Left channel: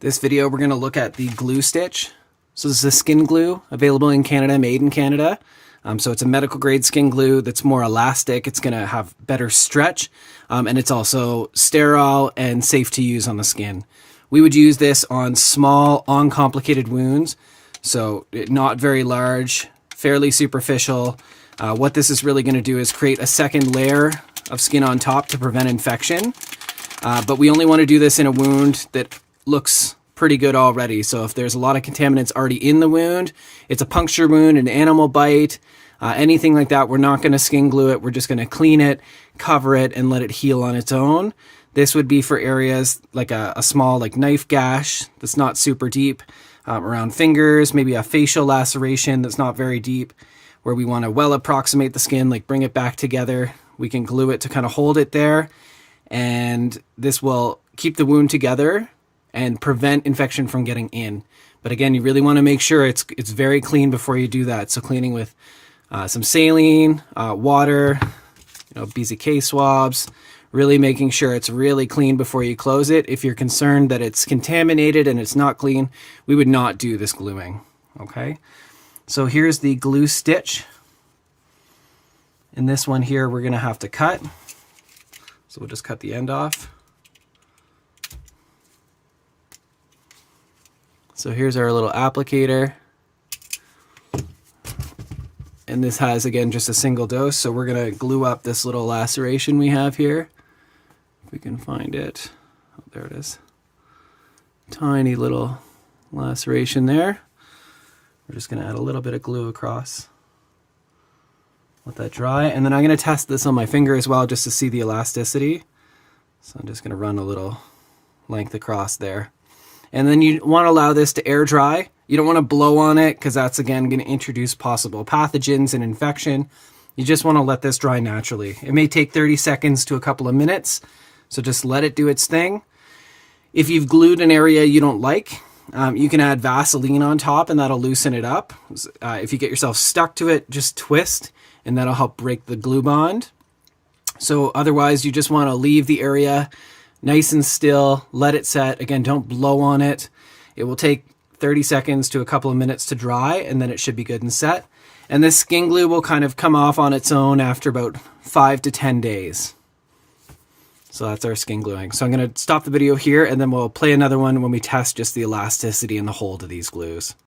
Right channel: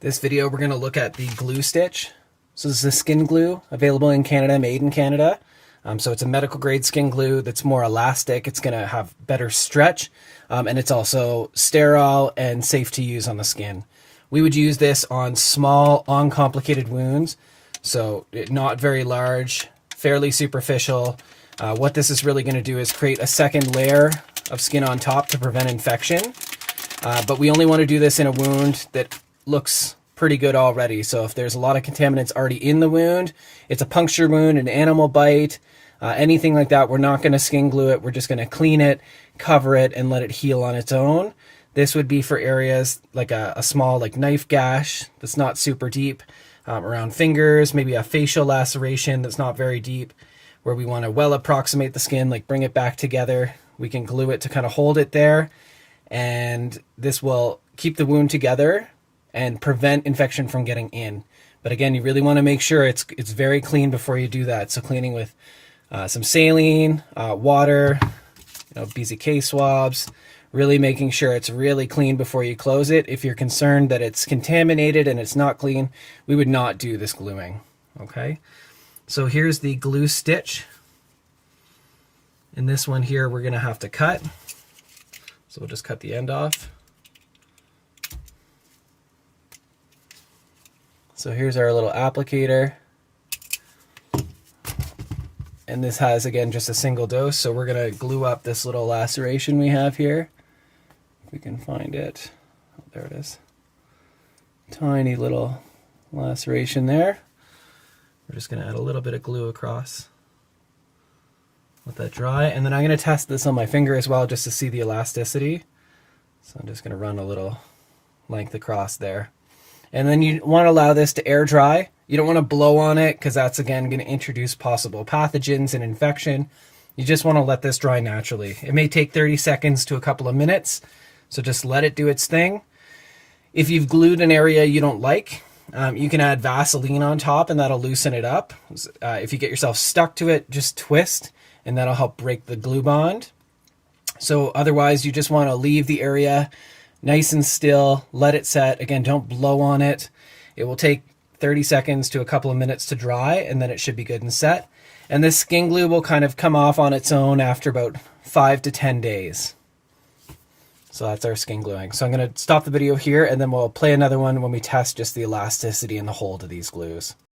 This video we're going to look at the GluStitch. So this is a skin glue available in Canada, made in Canada. So it's a medical grade skin glue that's more elastic. It's going to have better stretch, and it's also sterile and safe to use on the skin. We would use this on small, uncomplicated wounds, so not very large, fairly superficial. What this is really going to do is create a second layer of skin on top to prevent infection. But we only want to do this in a wound that looks pretty good already. So if there's a lot of contaminants already in the wound, it's a puncture wound, an animal bite, anything like that, we're not going to skin glue it. We're just going to clean it, cover it, and let it heal on its own. This would be for areas like a small knife gash that's not super deep, around fingers, maybe a facial laceration that's not very deep, where we want to well approximate the skin, like bring it back together. We can glue it to kind of hold it there, and this will keep the wound together and prevent infection from getting in. But again, you really want to make sure it's very clean before you do that. So cleaning with some saline, water, BZK swabs, really making sure it's really clean before you close it. If you're concerned that it's contaminated and it's not clean, we would not do this gluing. Okay, so here's the GluStitch. In this one here, we're gonna have to cut. So we'll just cut the end off. So here's our little applicator. And this has, again, just a single dose. So we're gonna glue up this little laceration we have here. If we can find it. Oh, there it is. Tiny little laceration there. We're just gonna add a little bit of glue across. Let that dry. And then I'm gonna test this on my finger as well, just to see the elasticity. So I'm just gonna run a little length across there. And then you want to allow this to air dry. You don't want to blow on it because that's, again, going to introduce possible pathogens and infection. You just want to let this dry naturally. It may take 30 seconds to a couple of minutes, so just let it do its thing. If you've glued an area you don't like, you can add Vaseline on top and that'll loosen it up. If you get yourself stuck to it, just twist and that'll help break the glue bond. So otherwise, you just want to leave the area nice and still, let it set. Again, don't blow on it. It will take 30 seconds to a couple of minutes to dry, and then it should be good and set. And this skin glue will kind of come off on its own after about 5 to 10 days. So that's our skin gluing. So I'm going to stop the video here, and then we'll play another one when we test just the elasticity and the hold of these glues.